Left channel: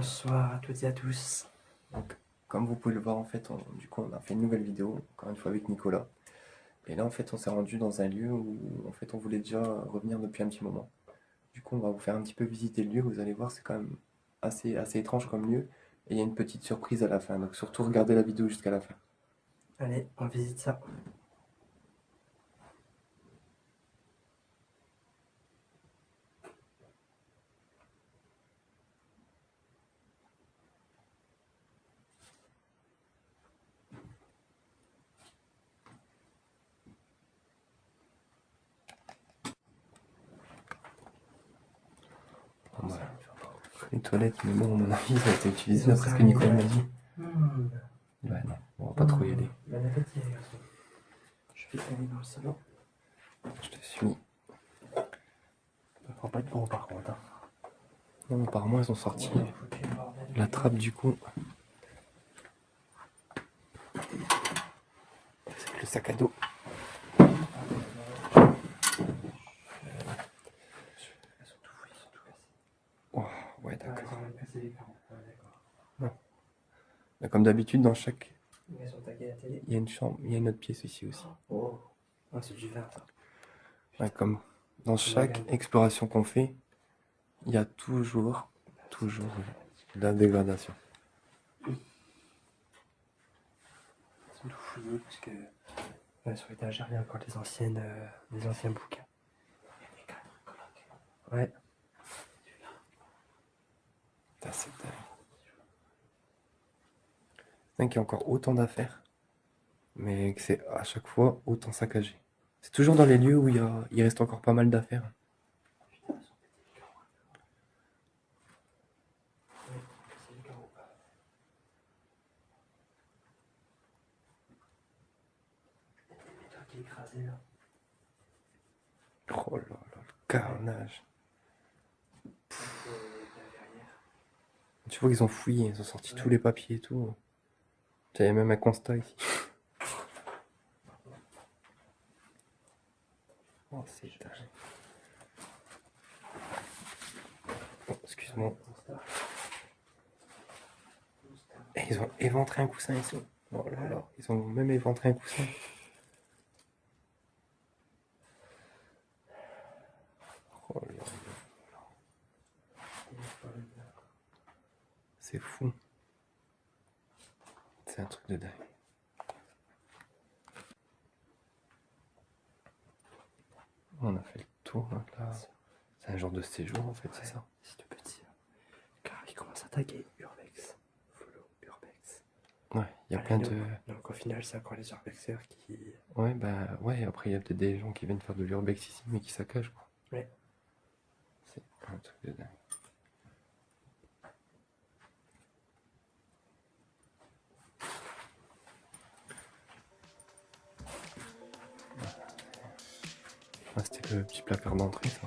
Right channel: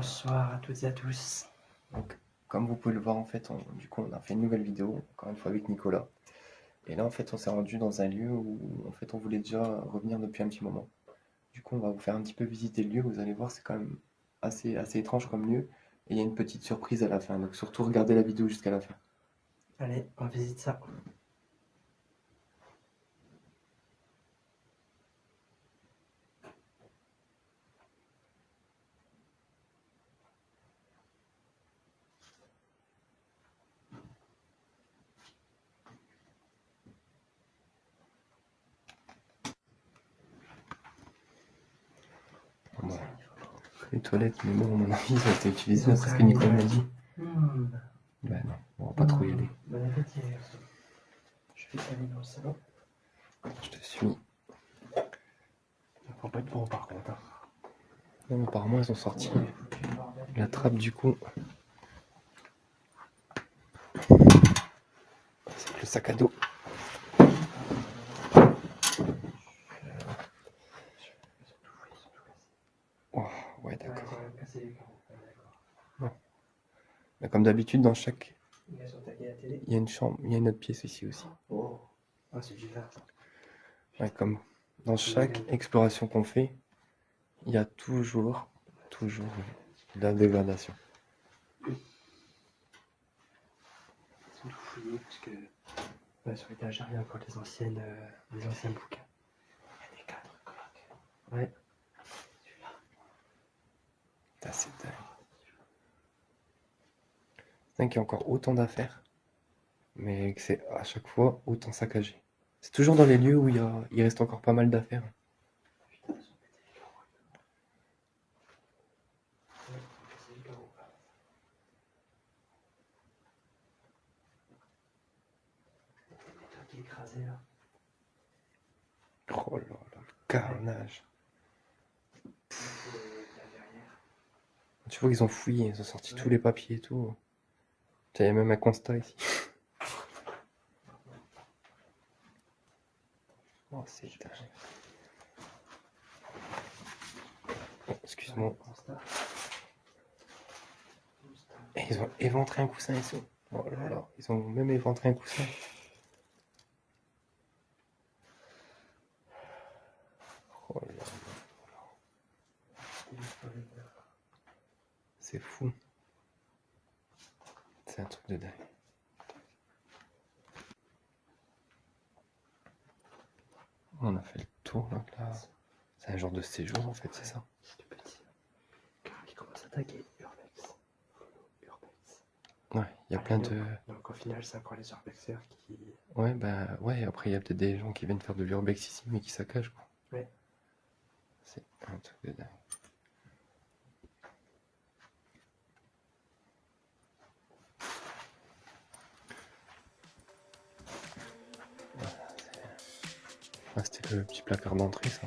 Bonsoir à toutes et à tous. Donc, comme vous pouvez le voir, en fait, du coup, on a fait une nouvelle vidéo, encore une fois avec Nicolas. Et là, en fait, on s'est rendu dans un lieu où, en fait, on voulait déjà revenir depuis un petit moment. Du coup, on va vous faire un petit peu visiter le lieu. Vous allez voir, c'est quand même assez étrange comme lieu. Et il y a une petite surprise à la fin. Donc, surtout, regardez la vidéo jusqu'à la fin. Allez, on visite ça. Bon, bah, les toilettes, mais bon, à mon avis, ça a été utilisé d'après ce que Nicolas m'a dit. Ouais, non, on va pas trop y aller. Bon appétit, les garçons. Je vais aller dans le salon. Je te suis. Faut pas être gros par contre. Hein. Non, apparemment, ils ont sorti la trappe du coup. C'est le sac à dos. Elles sont tout fouillées, elles sont tout cassées. Oh, ouais, Ah, d'accord. elles ont même cassé les carreaux. Ah, d'accord. Bah, comme d'habitude, dans chaque. Elles ont tagué la télé. Il y a une chambre, il y a une autre pièce ici aussi. Oh, ah, c'est du vin ça. Ouais, comme dans chaque exploration qu'on fait, il y a toujours de la dégradation. Elles sont tout fouillées parce que sur l'étagère, il y a encore des anciens bouquins. Ouais. Putain, c'est dingue. C'est dingue qu'il y a encore autant d'affaires, mais que c'est à chaque fois autant saccagé. C'est toujours dans les lieux où il reste encore pas mal d'affaires. Écrasé là. Oh là là, le carnage. Tu vois qu'ils ont fouillé, ils ont sorti tous les papiers et tout. Il y a même un constat ici. Oh, c'est dingue. Oh, excuse-moi. Et ils ont éventré un coussin ici. Oh là là, ils ont même éventré un coussin. Oh là là. C'est fou. C'est un truc de dingue. On a fait le tour là. C'est un genre de séjour en fait, c'est ça. C'est tout petit. Car il commence à taguer Urbex. Follow Urbex. Ouais, il y a plein de. Donc au final, c'est encore les Urbexers qui. Ouais, bah ouais, après il y a peut-être des gens qui viennent faire de l'urbex ici, mais qui saccagent quoi. Ouais. C'est un truc de dingue. Ah, c'était le petit placard d'entrée ça.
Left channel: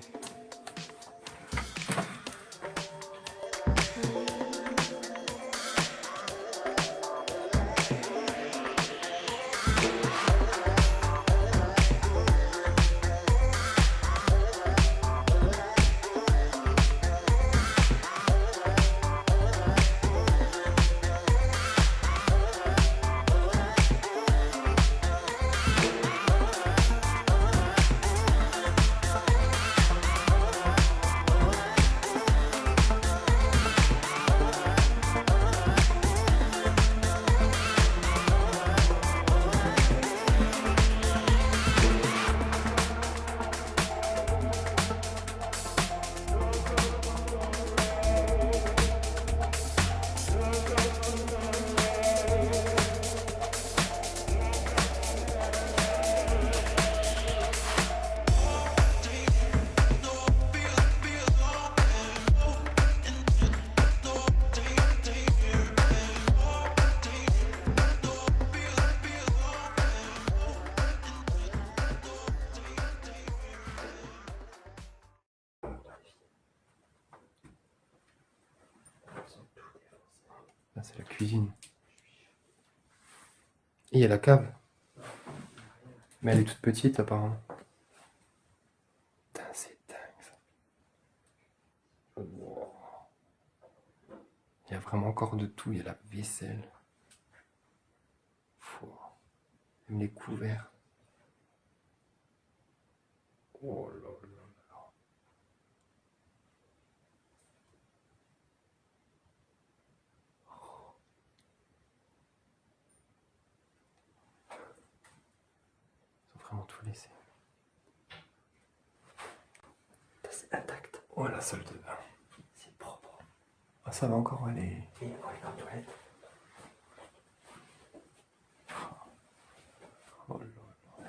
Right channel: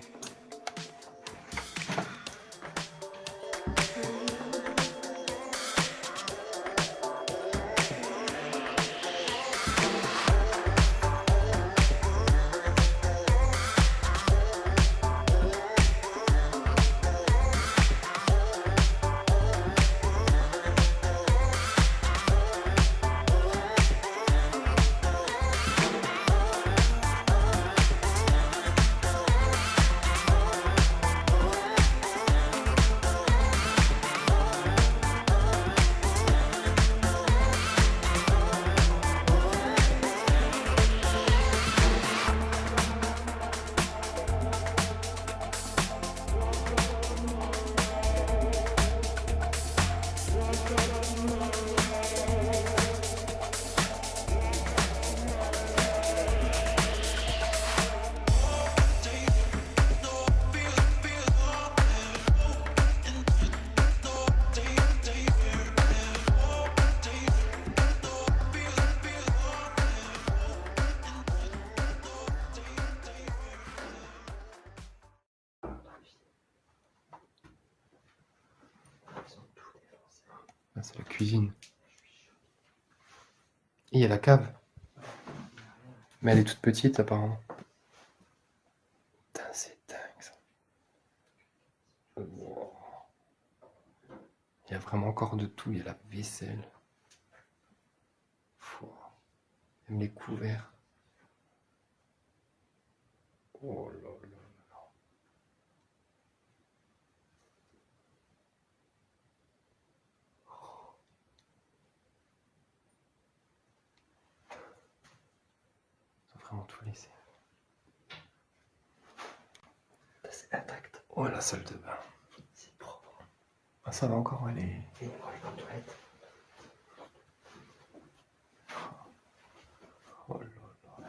Là c'est la cuisine. Et il y a la cave. Mais elle est toute petite apparemment. Putain, c'est dingue ça. Wow. vraiment encore de tout. Il y a la vaisselle. Même les couverts. Oh là là là. Ils ont vraiment tout laissé. C'est intact. Oh, la salle de bain. C'est propre. Ah, ça va encore aller. Et on est en toilette. Oh là là.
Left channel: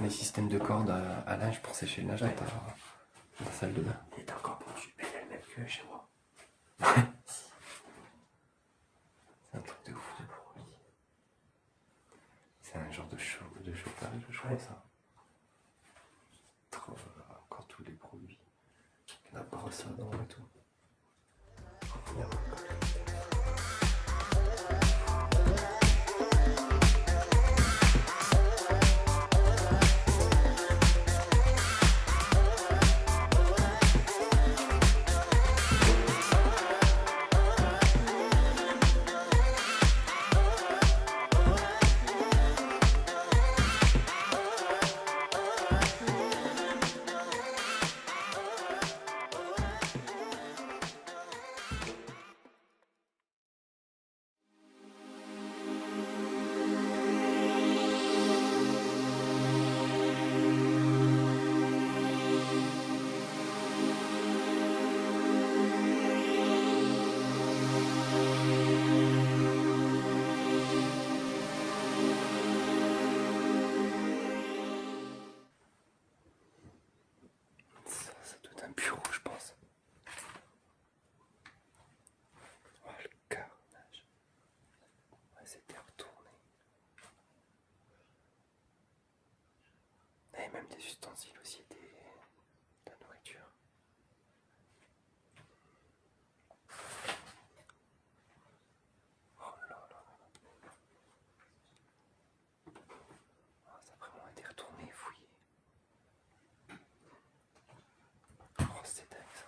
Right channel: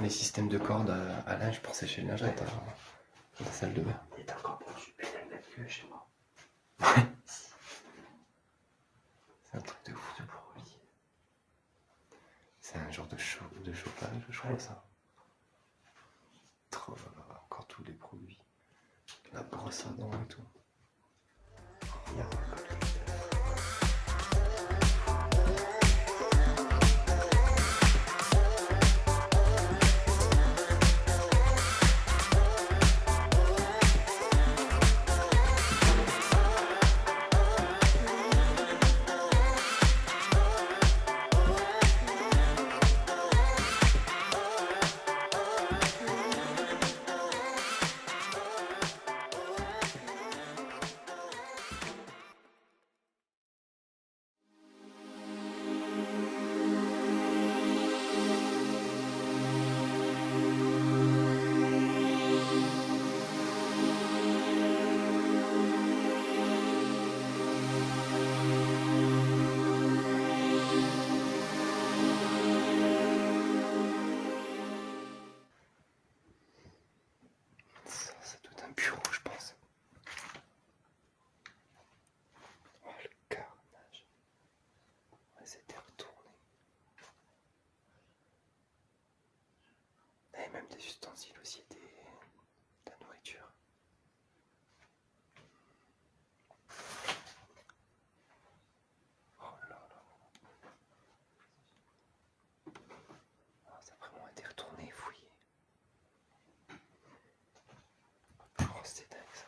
Les systèmes de cordes à linge pour sécher le linge dans la salle de bain. Il est encore pendu, mais elle est même que chez moi. C'est un truc de fou. C'est un genre de chauffage, je crois, Ouais. ça. Trop, encore tous les produits. Il y en a pas ça dans et tout. Ça doit être un bureau, je pense. Oh, le carnage. Ouais, c'était retourné. Et même des ustensiles aussi, de la nourriture. Oh là là. Oh, ça a vraiment été retourné, fouillé. Oh, c'est dingue ça.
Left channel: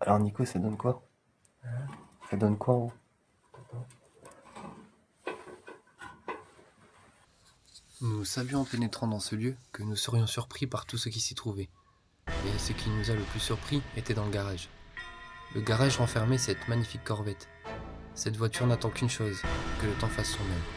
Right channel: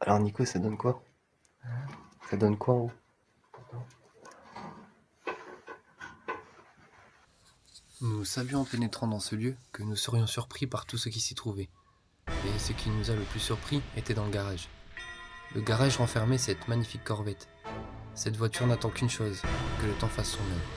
Alors Nico, ça donne quoi? Ça donne quoi en haut? Nous savions en pénétrant dans ce lieu que nous serions surpris par tout ce qui s'y trouvait. Et ce qui nous a le plus surpris était dans le garage. Le garage renfermait cette magnifique Corvette. Cette voiture n'attend qu'une chose, que le temps fasse son œuvre.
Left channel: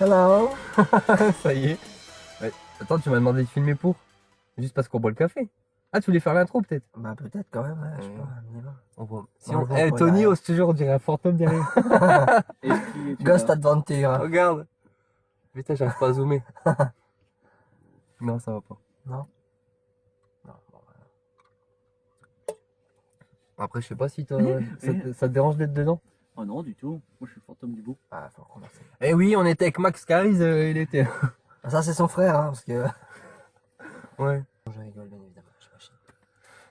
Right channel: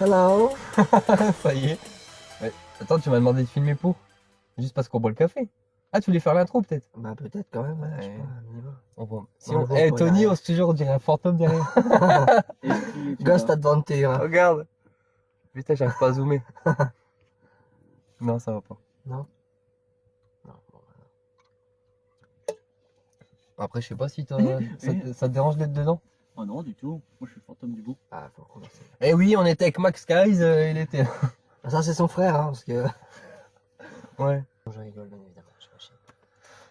Hello. Ça y est. Ouais. Attends, tu m'as demandé de filmer pour? Juste parce qu'on boit le café. Ah, tu voulais faire l'intro peut-être? Bah peut-être quand même, ouais, je sais pas, on y va. On voit. Si On on... le voit Eh, pour Tony, derrière. ose toujours, on dirait un fantôme derrière. Ghost Adventure. Regarde. Putain, j'arrive pas à zoomer. Non, ça va pas. Non. Non, bon, voilà. Après, je sais pas si ça te dérange d'être dedans. Oh non, du tout. Moi, je suis le fantôme du bout. Ah, faut recommencer. Eh oui, on était avec Max Caris, il était. Ah, ça c'est son frère, hein, parce que... Ouais. Je rigole, bien évidemment, je suis pas chier.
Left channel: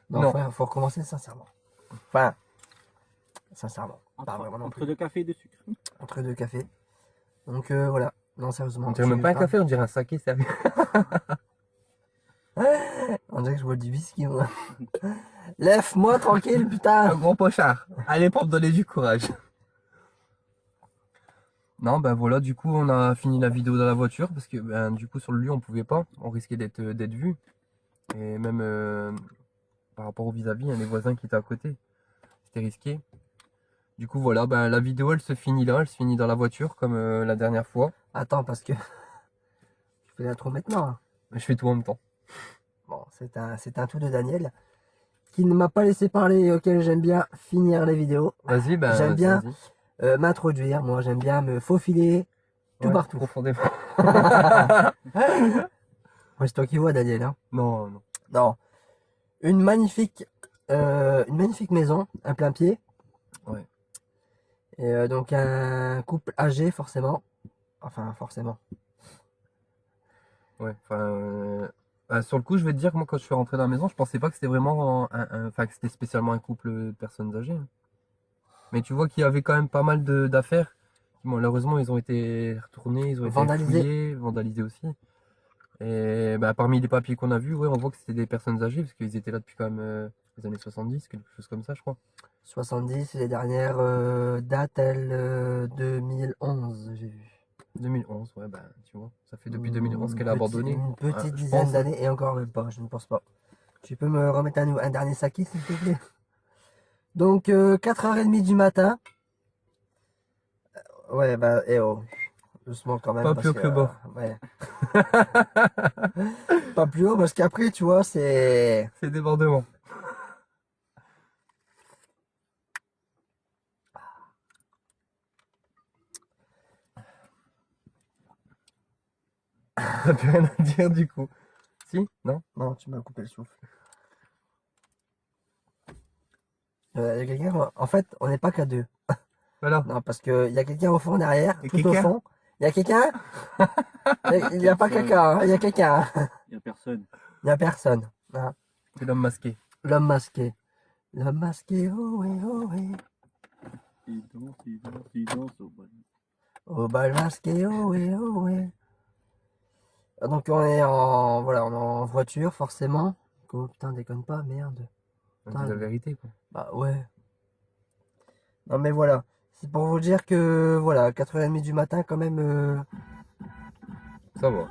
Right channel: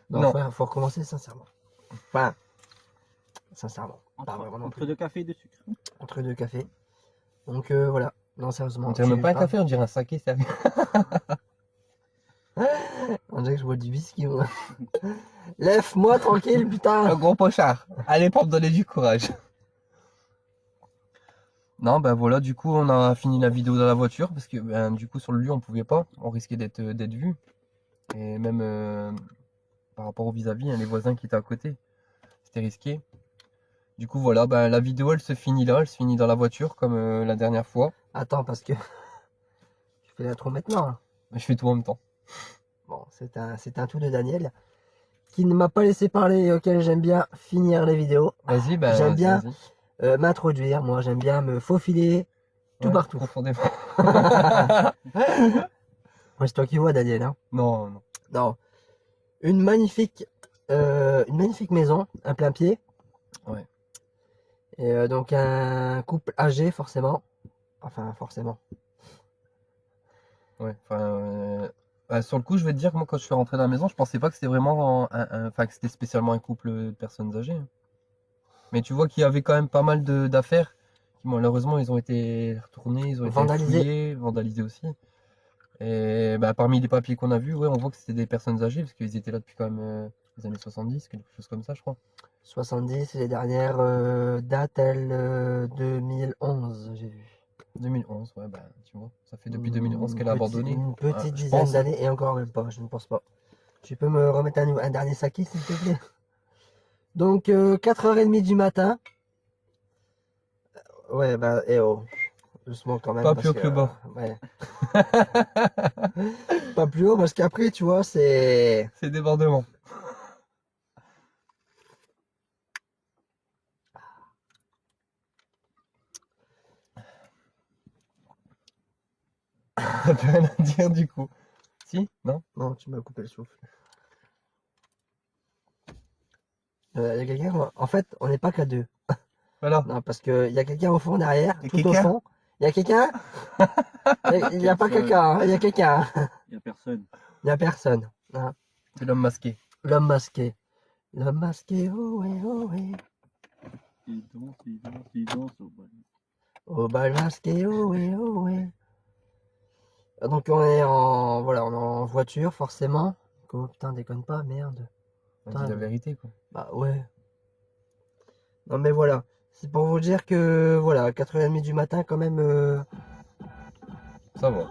Non, Non. frère, faut recommencer sincèrement. Enfin, sincèrement. Pas Entre, vraiment non entre plus. 2 cafés et 2 sucres. Entre deux cafés. Donc voilà. Non, sérieusement. On dirait je même pas un parle- café, on dirait un saké, sérieux. On dirait que je bois du whisky, moi. Lève-moi tranquille, putain. Un gros pochard. Allez, pour me donner du courage. Non, ben voilà, du coup, on a fini la vidéo dans la voiture parce que, ben, du coup, sur le lieu, on pouvait pas. On risquait d'être vu. Et même par rapport au vis-à-vis, hein, les voisins qui étaient à côté, c'était risqué. Du coup, voilà, ben, la vidéo, elle se finit là. Elle se finit dans la voiture comme la dernière fois. Attends, parce que... Je fais l'intro maintenant. Hein. Je fais tout en même temps. Bon, c'est un tout de Daniel qui ne m'a pas laissé parler et auquel j'aime bien finir les vidéos. Vas-y, ben, J'aime bien. vas-y. M'introduire, moi j'aime bien me faufiler tout Ouais, partout. profondément. Ouais, c'est toi qui vois Daniel. Hein. Non, non. Non. Une magnifique maison, un plein pied. Ouais. Et donc un couple âgé forcément. Enfin forcément. Ouais, sur le coup, je vais te dire que moi, quand je suis rentré dans la maison, je pensais pas que c'était vraiment enfin, que c'était spécialement un couple de personnes âgées. Hein. Mais tu vois qu'il y avait quand même pas mal d'affaires qui, malheureusement, ils ont été retournés, ils ont été Vandalisés. fouillés, vandalisés aussi. Et bah, parmi les papiers qu'on a vus, ouais, on voit que c'était des personnes âgées, parce qu'ils étaient là depuis quand même les années 70, quelque chose comme ça, je crois. 70, les dernières dates, elles, 2011, j'ai vu. 2011, ouais, bah, tu vois, ça fait depuis 2011 qu'elle a abandonné. Une petite je dizaine pense. d'années, et encore même pas, je ne pense pas. Tu peux me remettre un dernier saki, s'il te plaît? Donc, 4h30 du matin. Ouais, bah, oh. Doucement quand même. Pas parce plus haut que le bord. Ouais. Pas plus haut, parce qu'après, tu vois, c'est... C'est débordement. T'as plus rien à dire du coup. Si? Non? Non, tu m'as coupé le souffle. Y a quelqu'un... En fait, on n'est pas qu'à deux. Voilà. Non, parce qu'il y a quelqu'un au fond derrière, Y a tout au quelqu'un fond. Il y a quelqu'un? Il n'y a pas quelqu'un, hein, il y a quelqu'un. Il n'y a personne. Il n'y a personne. Hein. C'est l'homme masqué. L'homme masqué. L'homme masqué, oh ouais, oh ouais. Il danse au bal. Au bal masqué, oh ouais, oh ouais. Donc on est en... Voilà, on est en voiture, forcément. Oh putain, déconne pas, merde. On dit la vérité, quoi. Bah ouais. Non mais voilà. C'est pour vous dire que, voilà, 4h30 du matin, quand même... Ça va.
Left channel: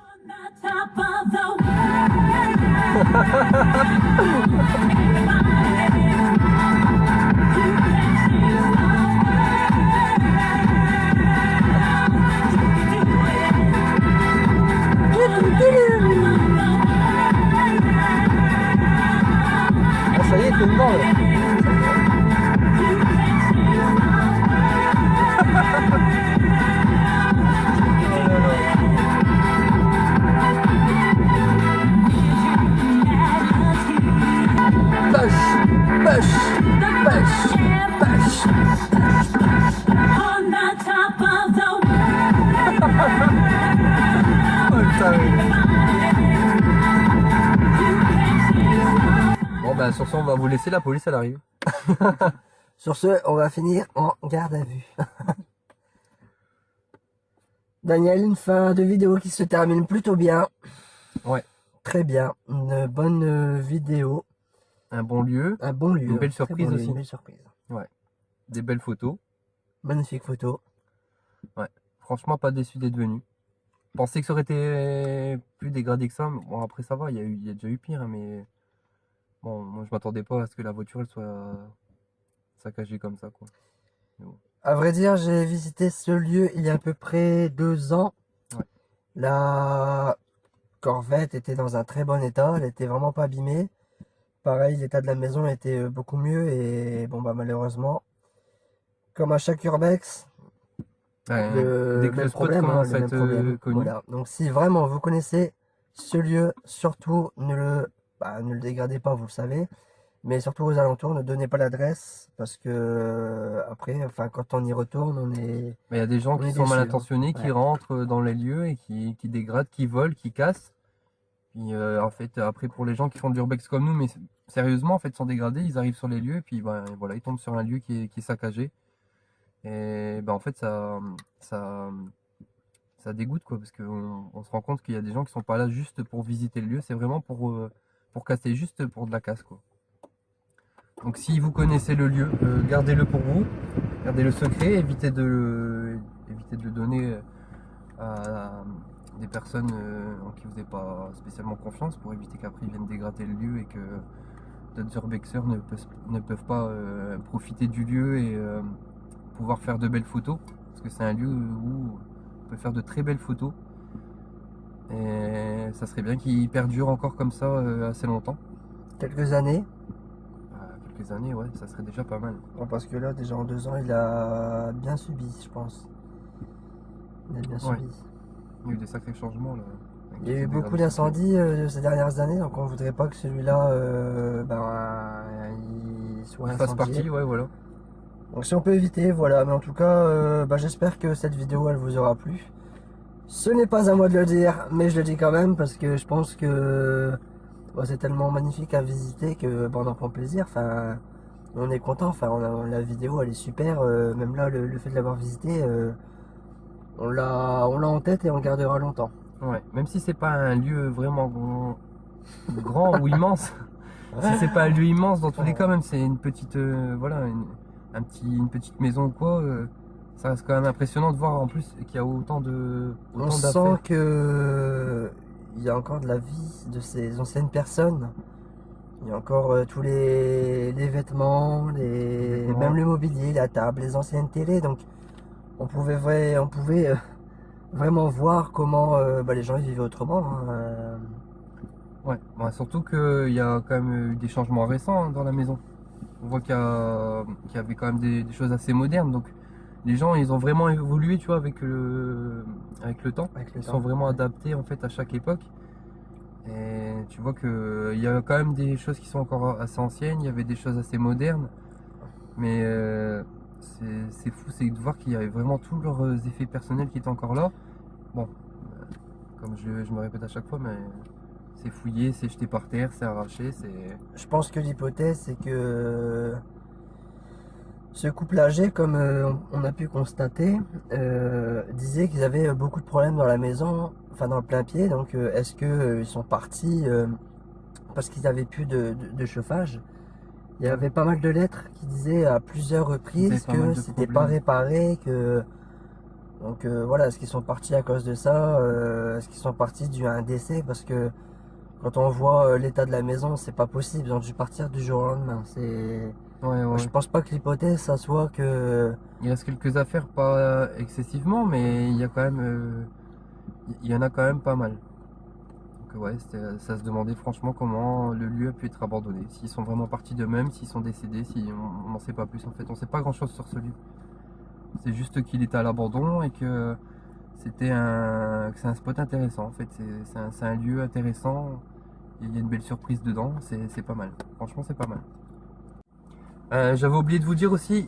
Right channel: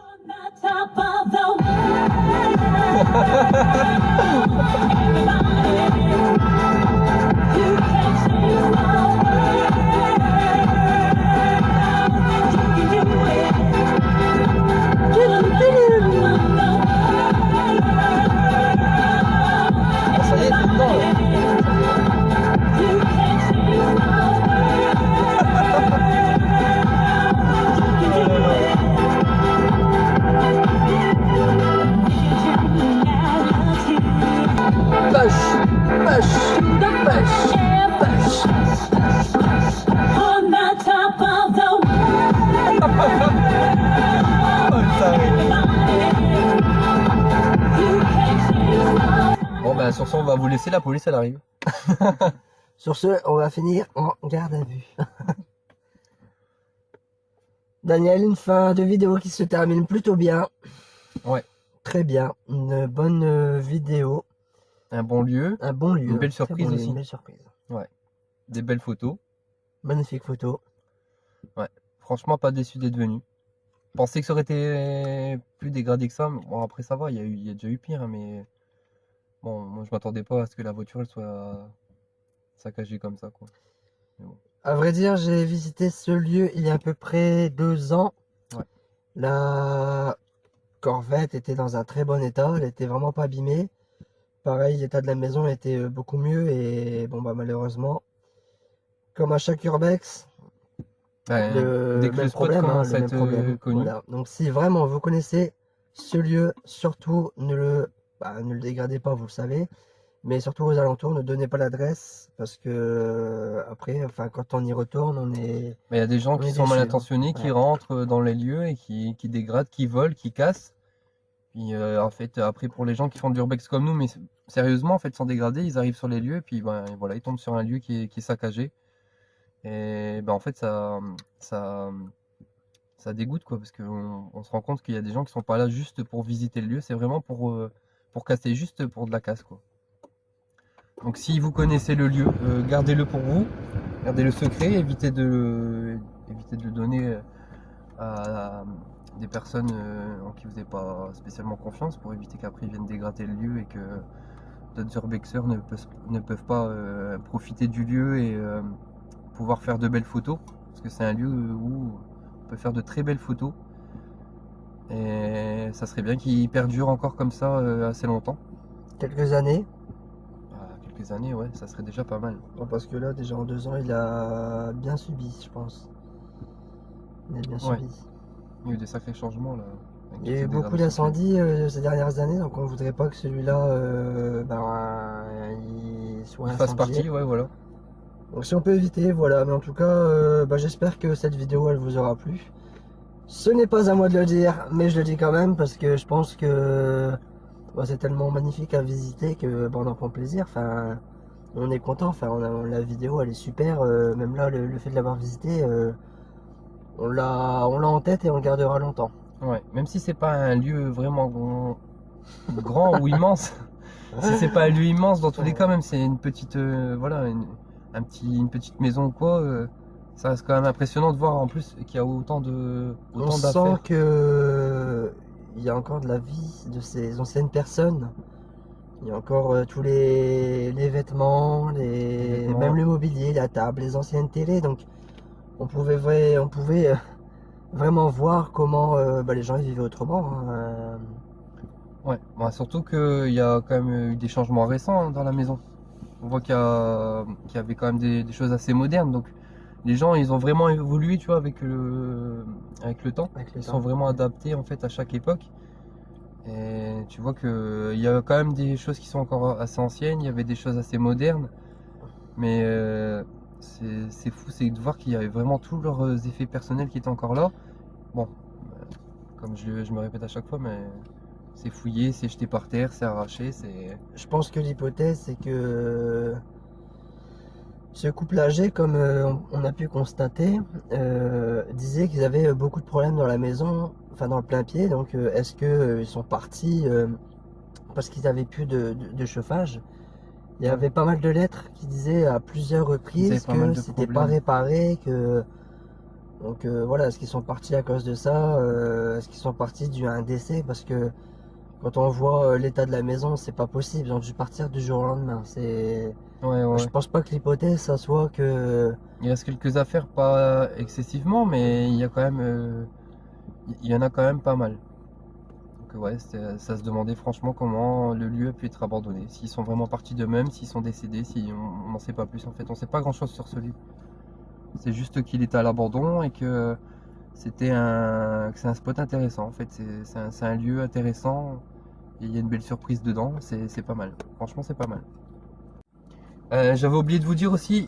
Ah, ça y est, tout le monde. Push, push, push, push. On the top of the Oh, putain, oui. Bon, ben, sur ce, on va vous laisser. La police, elle arrive. Sur ce, on va finir en garde à vue. Daniel, une fin de vidéo qui se termine plutôt bien. Ouais. Très bien. Une bonne vidéo. Un bon lieu, Un bon lieu. Une belle Très surprise bon lieu, aussi. Une belle surprise. des belles photos. Magnifique photo. Franchement, pas déçu d'être venu. Je pensais que ça aurait été plus dégradé que ça. Mais bon, après, ça va. Il y a déjà eu pire. Hein, mais bon, moi, je m'attendais pas à ce que la voiture elle soit saccagée comme ça, quoi. À vrai dire, j'ai visité ce lieu il y a à peu près 2 ans. La Corvette était dans un très bon état, elle était vraiment pas abîmée. Pareil, l'état de la maison était beaucoup mieux et bon bah malheureusement, comme à chaque urbex, Dès que le même spot problème, hein, commence le à même être problème. connu. Voilà. Donc si vraiment vous connaissez ce lieu, surtout ne le dégradez pas, vous le savez. Mais surtout aux alentours, ne donnez pas l'adresse parce que après, enfin quand on y retourne, Mais il y a des gens on qui est sont mal déçu, hein. intentionnés, qui Ouais. rentrent dans les lieux et qui dégradent, qui volent, qui cassent. Puis en fait, après pour les gens qui font de l'urbex comme nous, mais sérieusement, en fait, sans dégrader, ils arrivent sur les lieux et puis ben, voilà, ils tombent sur un lieu qui est saccagé. Et ben en fait, ça, ça dégoûte quoi, parce qu'on se rend compte qu'il y a des gens qui sont pas là juste pour visiter le lieu, c'est vraiment pour casser, juste pour de la casse quoi. Donc si vous connaissez le lieu, gardez-le pour vous, gardez-le secret, évitez de le donner à des personnes en qui vous n'avez pas spécialement confiance pour éviter qu'après ils viennent dégrader le lieu et que d'autres urbexeurs ne peuvent pas profiter du lieu et pouvoir faire de belles photos, parce que c'est un lieu où on peut faire de très belles photos et ça serait bien qu'il perdure encore comme ça assez longtemps. Quelques années, Quelques années, ouais, ça serait déjà pas mal. bon, parce que là déjà en 2 ans, il a bien subi, je pense. Il a bien Ouais. subi. Il y a eu des sacrés changements là. Avec Il y a toutes eu les beaucoup dégradations. d'incendies ces dernières années, donc on voudrait pas que celui-là il soit Il fasse incendié. partie, ouais, voilà. Donc si on peut éviter, voilà. Mais en tout cas, j'espère que cette vidéo elle vous aura plu. Ce n'est pas à moi de le dire, mais je le dis quand même parce que je pense que c'est tellement magnifique à visiter que on en prend plaisir. Enfin, on est content. Enfin, la vidéo elle est super. Même là, le fait de l'avoir visité, on l'a en tête et on le gardera longtemps. Ouais, même si c'est pas un lieu vraiment grand ou immense, si c'est pas un lieu immense, dans tous les cas, même c'est une petite, voilà, une petite maison ou quoi, ça reste quand même impressionnant de voir en plus qu'il y a On autant sent d'affaires. que il y a encore de la vie de ces anciennes personnes. Il y a encore tous les vêtements, vêtements. même le mobilier, la table, les anciennes télés. Donc on pouvait vraiment voir comment les gens ils vivaient autrement, hein. Ouais, bah, surtout qu'il y a quand même eu des changements récents hein, dans la maison. On voit qu'il y avait quand même des choses assez modernes. Donc les gens, ils ont vraiment évolué, tu vois, avec le temps. Avec le Ils temps. sont vraiment Ouais. adaptés en fait à chaque époque. Et tu vois qu'il y a quand même des choses qui sont encore assez anciennes, il y avait des choses assez modernes. Mais c'est fou, c'est de voir qu'il y avait vraiment tous leurs effets personnels qui étaient encore là. Bon, comme je me répète à chaque fois, mais c'est fouillé, c'est jeté par terre, c'est arraché, c'est... Je pense que l'hypothèse c'est que ce couple âgé, comme on a pu constater, disait qu'ils avaient beaucoup de problèmes dans la maison, enfin dans le plein pied. Donc est-ce que ils sont partis parce qu'ils n'avaient plus de chauffage? Il y avait pas mal de lettres qui disaient à plusieurs Ils avaient reprises pas mal que de c'était pas problèmes. réparé, que donc voilà, est-ce qu'ils sont partis à cause de ça? Est-ce qu'ils sont partis dû à un décès? Parce que quand on voit l'état de la maison, c'est pas possible. Ils ont dû partir du jour au lendemain. Ouais, Je ouais. pense pas que l'hypothèse ça soit que Il reste quelques affaires, pas excessivement, mais il y a quand même, il y en a quand même pas mal. Donc ouais, ça se demandait franchement comment le lieu a pu être abandonné. S'ils sont vraiment partis d'eux-mêmes, s'ils sont décédés, si on n'en sait pas plus en fait. On sait pas grand-chose sur ce lieu. C'est juste qu'il était à l'abandon et que c'est un spot intéressant en fait. C'est un lieu intéressant. Il y a une belle surprise dedans. C'est pas mal. Franchement, c'est pas mal. J'avais oublié de vous dire aussi,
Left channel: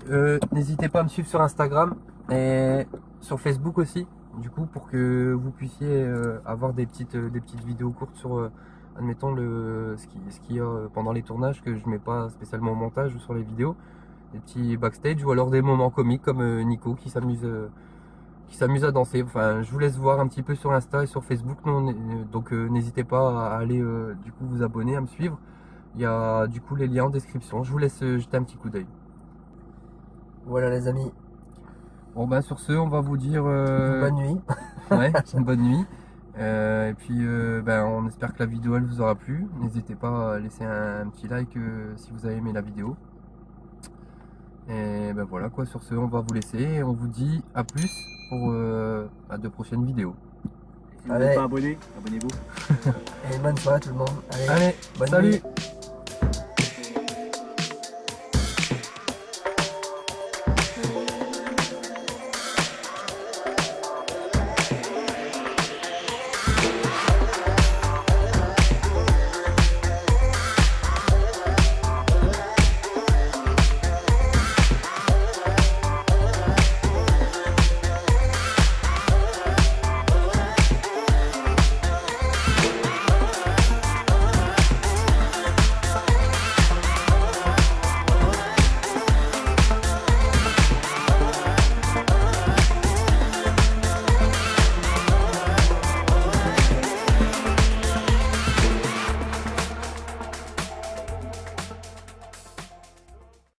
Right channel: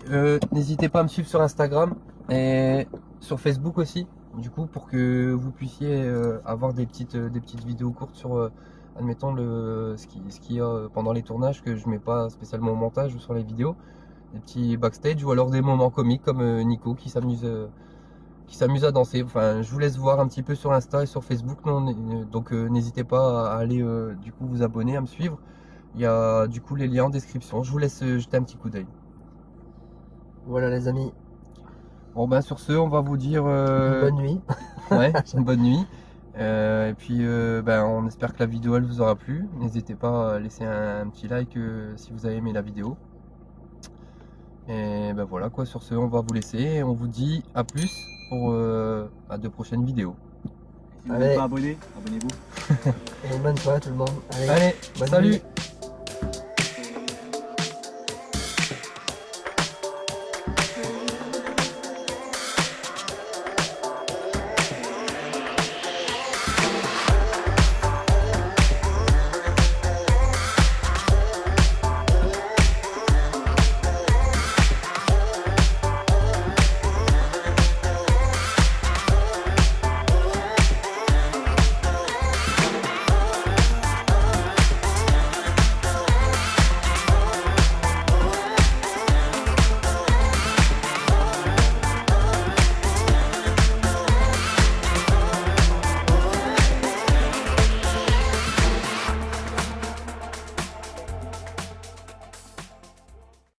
n'hésitez pas à me suivre sur Instagram et sur Facebook aussi, du coup, pour que vous puissiez avoir des petites vidéos courtes sur, admettons, ce qu'il y a pendant les tournages que je mets pas spécialement au montage ou sur les vidéos, des petits backstage ou alors des moments comiques comme Nico qui s'amuse à danser. Enfin, je vous laisse voir un petit peu sur Insta et sur Facebook, donc n'hésitez pas à aller du coup vous abonner, à me suivre. Il y a du coup les liens en description. Je vous laisse jeter un petit coup d'œil. voilà les amis, Bon ben sur ce, on va vous dire bonne nuit. ouais, une bonne nuit. Et puis ben, on espère que la vidéo elle vous aura plu. N'hésitez pas à laisser un petit like si vous avez aimé la vidéo. Et ben voilà quoi, sur ce on va vous laisser et on vous dit à plus pour de prochaines vidéos. Si vous Allez. n'êtes pas abonné, abonnez-vous. Et bonne soirée à tout le monde. Allez, Allez, bonne salut! nuit.